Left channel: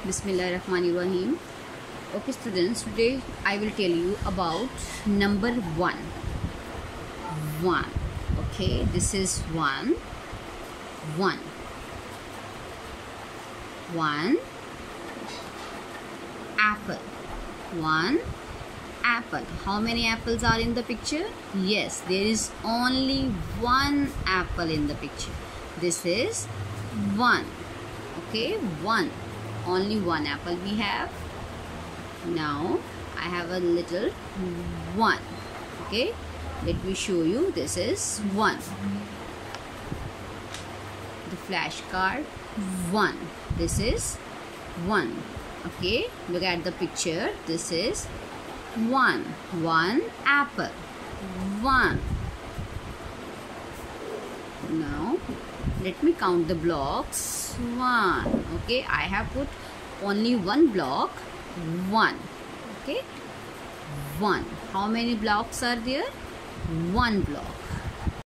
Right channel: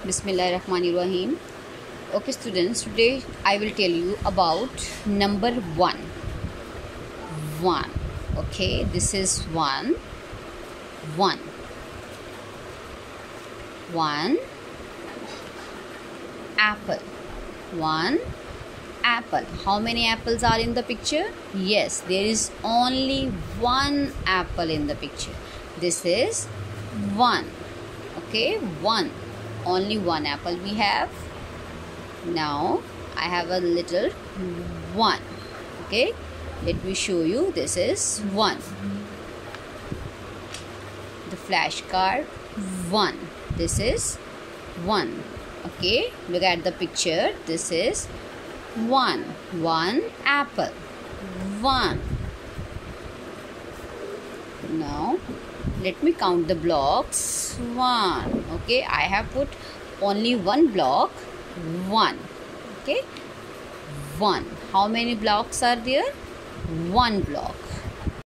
Bismillahirrahmanirrahim. Okay students, today I will tell you about number 1. 1. Okay, this is 1. 1. 1 apple. 1 apple. How many apples are in the picture? Yes, there is only one apple in the picture. This is 1. Okay, 1. Only one apple we have. Now I have a little 1. Okay, let me show you. This is 1. The flashcard 1. This is 1. Okay, look at the picture. This is 1. 1 apple. 1. Now let me count the blocks. 1. Okay, I have put only one block. 1. Okay, 1. How many blocks are there? One block.